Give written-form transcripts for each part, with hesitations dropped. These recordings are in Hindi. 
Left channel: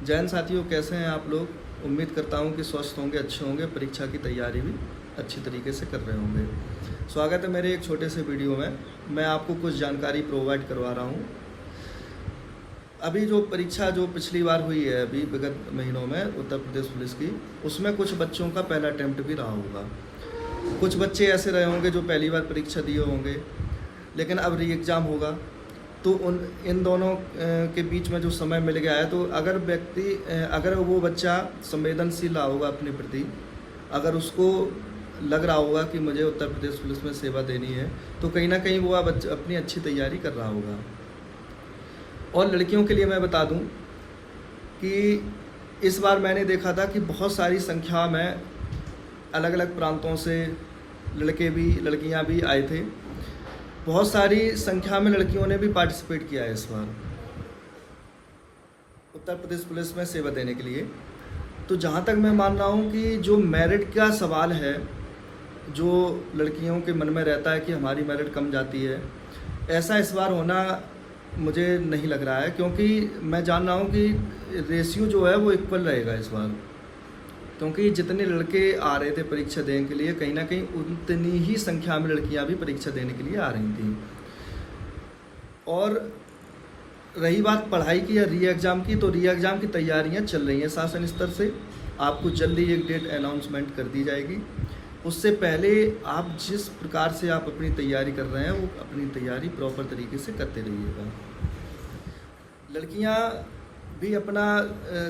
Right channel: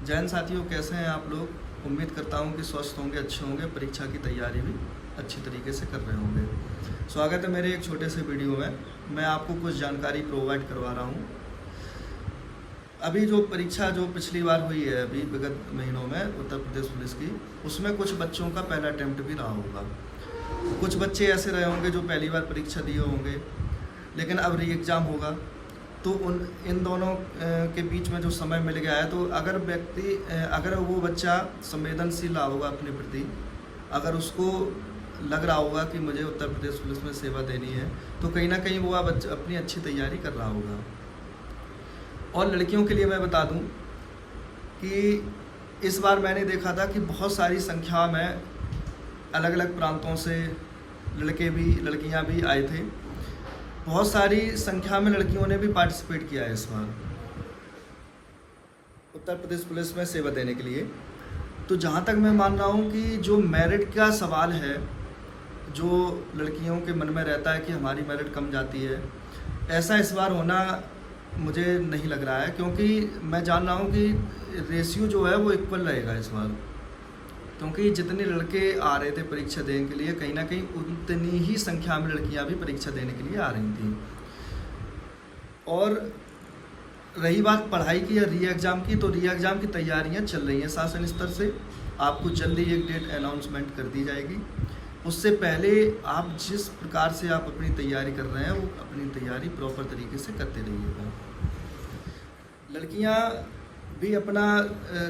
जैन साथियों, कैसे हैं आप लोग? उम्मीद करता हूं कि स्वस्थ होंगे, अच्छे होंगे, परीक्षा की तैयारी भी अच्छी तरीके से कर रहे होंगे। स्वागत है मेरे एक छोटे से वीडियो में। मैं आपको कुछ जानकारी प्रोवाइड करवा रहा हूं। अभी जो परीक्षा जो पिछली बार हुई है अभी विगत महीनों में उत्तर प्रदेश पुलिस की, उसमें कुछ बच्चों का पहला अटेम्प्ट भी रहा होगा। कुछ बच्चे ऐसे रहे होंगे जो पहली बार परीक्षा दिए होंगे, लेकिन अब री एग्ज़ाम होगा। तो इन दोनों के बीच में जो समय मिल गया है, तो अगर वो बच्चा संवेदनशील रहा होगा अपने प्रति, अगर उसको लग रहा होगा कि मुझे उत्तर प्रदेश पुलिस में सेवा देनी है, तो कहीं ना कहीं वो बच्चा अपनी अच्छी तैयारी कर रहा होगा। और लड़कियों के लिए मैं बता दूं कि इस बार मैंने देखा था कि बहुत सारी संख्या में अलग अलग प्रांतों से लड़के भी लड़कियां भी आए थे। बहुत सारी संख्या में लड़कियों ने भी पार्टिसिपेट किया है इस बार उत्तर प्रदेश पुलिस में सेवा देने के लिए। तो जहाँ तक मैं मान रहा हूँ कि जो मेरिट का सवाल है, जो लड़कियों के मन में रहता है कि हमारी मेरिट कम जाती है, ऐसा इस बार होना मुझे नहीं लग रहा है, क्योंकि मैं जान रहा हूँ कि रेशियो जो है वो इक्वल रहेगा इस बार। क्योंकि जितने लड़के आ रहे थे परीक्षा देने के लिए, कहीं ना कहीं उतनी ही संख्या में लड़कियां भी परीक्षा देने के लिए आ रही थी। और रही बात पढ़ाई की या री एग्ज़ाम की, तो री एग्ज़ाम की तैयारियां चल रही हैं शासन स्तर से। आपको जल्दी एक डेट अनाउंसमेंट कर दी जाएगी। उससे पहले आप जिस प्रकार से आप अपनी तैयारी कर रहे हैं, वो अपनी तैयारी प्रॉपर तरीके से करते रहिएगा। लड़कियां भी अपना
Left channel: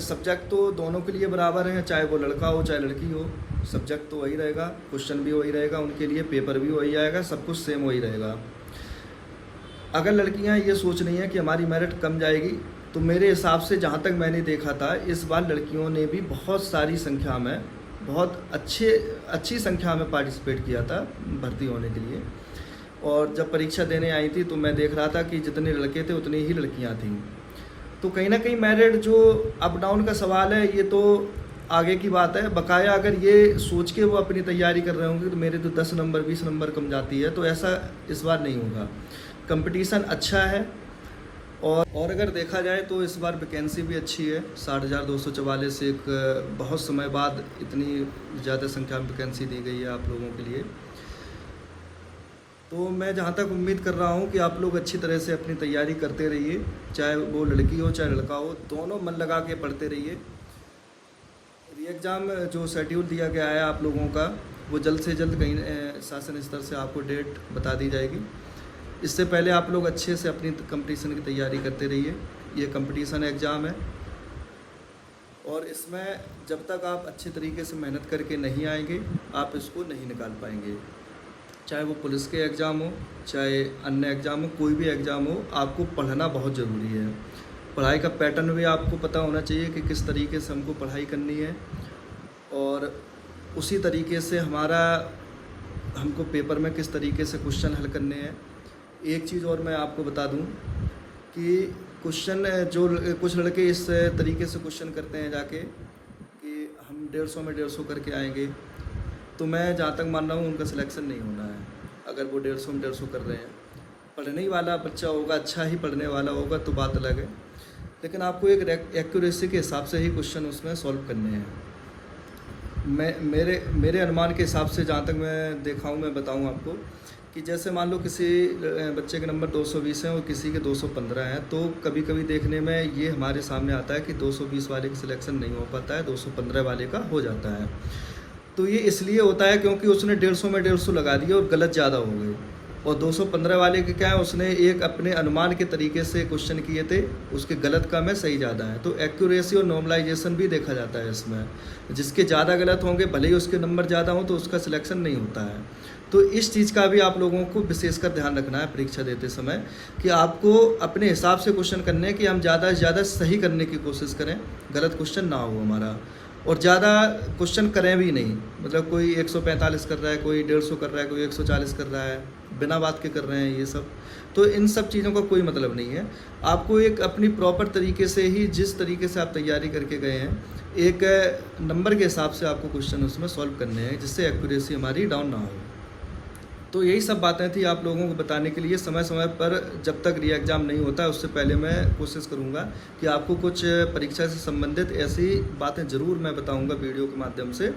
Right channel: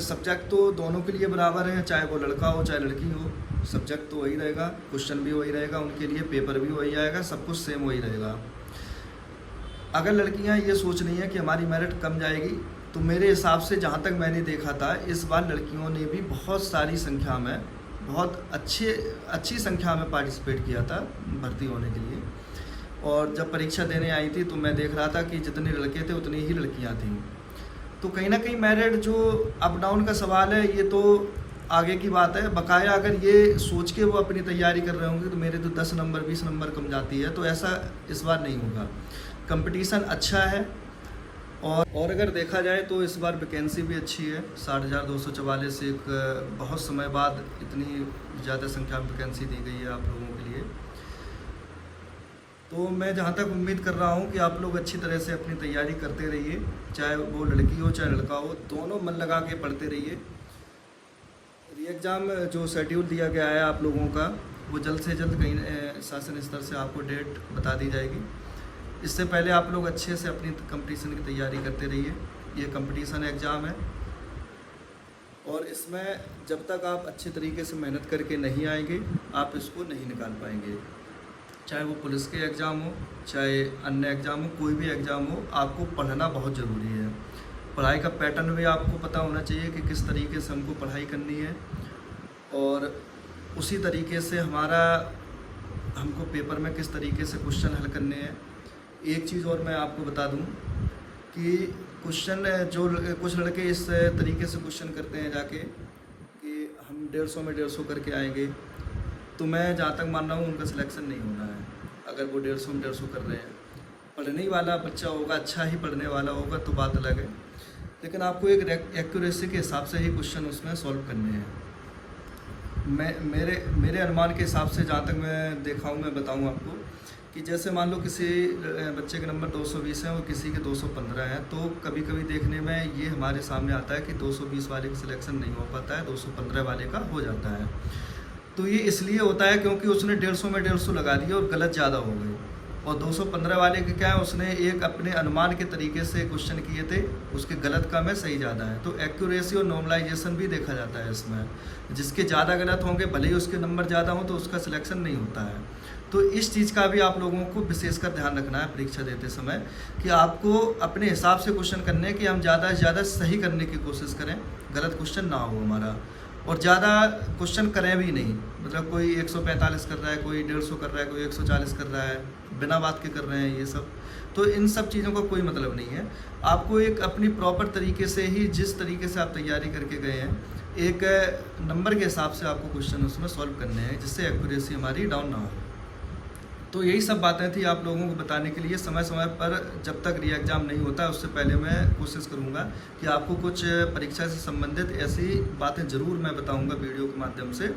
सब्जेक्ट तो दोनों के लिए बराबर है, चाहे वो लड़का हो चाहे लड़की हो, सब्जेक्ट तो वही रहेगा, क्वेश्चन भी वही रहेगा उनके लिए, पेपर भी वही आएगा, सब कुछ सेम वही रहेगा। अगर लड़कियां ये सोच रही हैं कि हमारी मेरिट कम जाएगी, तो मेरे हिसाब से जहाँ तक मैंने देखा था, इस बार लड़कियों ने भी बहुत सारी संख्या में, बहुत अच्छी संख्या में पार्टिसिपेट किया था भर्ती होने के लिए। और जब परीक्षा देने आई थी तो मैं देख रहा था कि जितने लड़के थे उतनी ही लड़कियाँ थीं। तो कहीं ना कहीं मेरिट जो अप डाउन का सवाल है, ये तो आगे की बात है। बकाया अगर ये सोच के वो अपनी तैयारी कर रहे होंगे तो मेरे तो 10 नंबर 20 नंबर कम जाती है, तो ऐसा इस बार नहीं होगा। कंपटीशन अच्छा है। और अगर देखा जाए तो इस बार वैकेंसी भी अच्छी है। 60,244 एक बहुत समय बाद इतनी ज़्यादा संख्या में वैकेंसी दी गई है आप लोगों के लिए। तो मैं जहाँ तक उम्मीद कर रहा हूँ कि आप लोग अच्छी तरह से अपनी तैयारी करते रहिए, चाहे वो लड़की हो चाहे लड़का हो, दोनों मन लगा के पढ़ते रहिए। री एग्ज़ाम जो शेड्यूल दिया गया है आप लोगों का, वो जल्द से जल्द कहीं शासन स्तर से आपको डेट बता दी जाएगी। इससे पहले आप लोग अच्छे से अपनी कंपटीशन की तैयारी करते रहिए। ये कंपटीशन एग्ज़ाम है, और इसमें जब तक आप अच्छे तरीके से मेहनत करके नहीं आएंगे, आप इसको नहीं निकाल पाएंगे। चाहे वो पुलिस के एग्ज़ाम हो, चाहे अन्य एग्ज़ाम हो, कोई भी एग्ज़ाम हो, आपको पढ़ना बहुत ज़रूरी है। पढ़ाई का पैटर्न भी आपको पता होना चाहिए कि किस तरीके से हमको पढ़ाई करनी है, और उसी तरीके से हमको पेपर में किस तरीके से क्वेश्चन हल करने हैं। एक चीज़ और मैं आपको बता दूं कि क्वेश्चन जो कुछ लड़के इस तरीके से क्वेश्चन करते हैं जाके कि हम 150 में 150 करके आएंगे, तो मैं जहाँ तक मान रहा हूँ उनका सिलेक्शन नहीं होना है। अगर वो 150 में 150 कर रहे हैं, पढ़ने ही वाला बच्चा होगा, अच्छा ही पढ़ने वाला होगा, तो बात अलग है। लेकिन आपको एक एक्यूरेसी के हिसाब से ही क्वेश्चन उसमें सॉल्व करने हैं। मेरे अनुमान के हिसाब से जहाँ तक मैं देखा हूँ, मैं बताऊँ आपको कि जैसे मान लो किसी बच्चे के नंबर 220 हैं और किसी के 215 हैं, तो कभी कभी देखने में ये हमारे सामने आता है कि 220 वाले का सिलेक्शन नहीं हो पाता है, 215 वाले का हो जाता है। तो ये इसलिए होता है क्योंकि उसने 150 में 150 लगा दिया और गलत ज़्यादा हो गई। और 215 वाले के क्या है, उसने एक अपने अनुमान के तरीके से क्वेश्चन किए थे, उसके गलत कम है, सही ज़्यादा है। तो एक्यूरेसी और नॉर्मलाइजेशन भी देखा जाता है इसमें। जिसके ज़्यादा गलत होंगे, भले ही उसके नंबर ज़्यादा हों, तो उसका सिलेक्शन नहीं होता है। तो इस चीज़ का भी आप लोगों को विशेषकर ध्यान रखना है परीक्षा देते समय, कि आपको अपने हिसाब से क्वेश्चन करने हैं कि हम ज़्यादा से ज़्यादा सही करने की कोशिश करें, गलत क्वेश्चन ना हो हमारा। और ज़्यादा क्वेश्चन करें भी नहीं, मतलब कोई 145 कर रहा है, कोई 150 कर रहा है, कोई 140 कर रहा है, बिना बात के कर रहे हैं ये सब। तो इन सब चीज़ों का कोई मतलब नहीं है। आपको एक अपनी प्रॉपर तरीके से ही, जिस तरीके से आप तैयारी करके गए हैं, एक नंबर के हिसाब से आपको क्वेश्चन उसमें सॉल्व करने हैं, जिससे एक्यूरेसी हमारी डाउन ना हो। तो यही सब बातें थी आप लोगों को बताने के लिए। समय समय पर जब तक री एग्ज़ाम नहीं होता उससे पहले मैं कोशिश करूंगा कि आपको कुछ परीक्षा से संबंधित ऐसी बातें ज़रूर मैं बताऊंगा वीडियो के माध्यम से,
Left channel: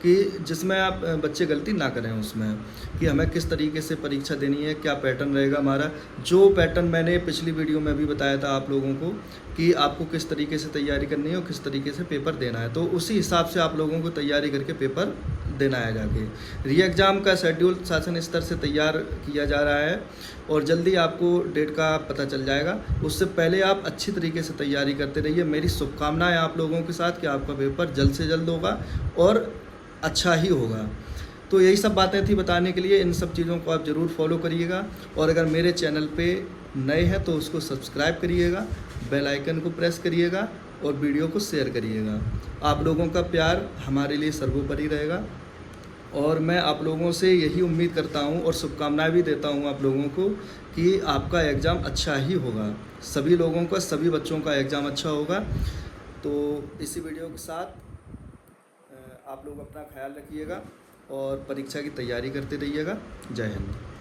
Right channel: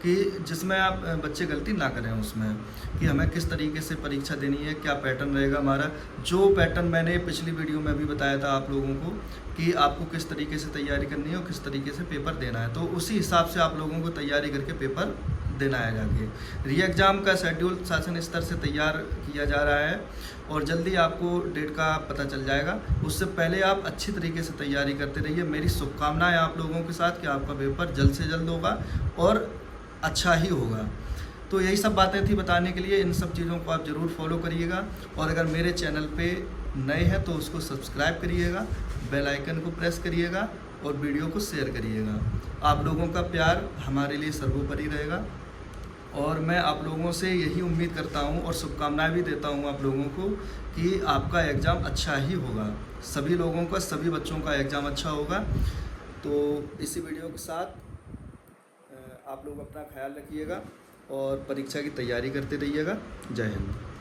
कि जिसमें आप बच्चे गलती ना करें उसमें, कि हमें किस तरीके से परीक्षा देनी है, क्या पैटर्न रहेगा हमारा। जो पैटर्न मैंने पिछली वीडियो में भी बताया था आप लोगों को कि आपको किस तरीके से तैयारी करनी है और किस तरीके से पेपर देना है, तो उसी हिसाब से आप लोगों को तैयारी करके पेपर देना है जाके। री एग्ज़ाम का शेड्यूल शासन स्तर से तैयार किया जा रहा है और जल्दी आपको डेट का पता चल जाएगा। उससे पहले आप अच्छी तरीके से तैयारी करते रहिए। मेरी शुभकामनाएं आप लोगों के साथ कि आपका पेपर जल्द से जल्द होगा और अच्छा ही होगा। तो यही सब बातें थी बताने के लिए। इन सब चीज़ों को आप ज़रूर फॉलो करिएगा और अगर मेरे चैनल पे नए हैं तो उसको सब्सक्राइब करिएगा, बेल आइकन को प्रेस करिएगा और वीडियो को शेयर करिएगा। आप लोगों का प्यार हमारे लिए सर्वोपरि रहेगा और मैं आप लोगों से यही उम्मीद करता हूं और शुभकामनाएं भी देता हूं आप लोगों को कि आपका एग्ज़ाम अच्छा ही होगा। सभी लोगों का, सभी बच्चों का एग्ज़ाम अच्छा होगा। तो इसी वीडियो के साथ आप लोग अपना ख्याल रखिएगा और परीक्षा की तैयारी करते रहिएगा। जय हिंद।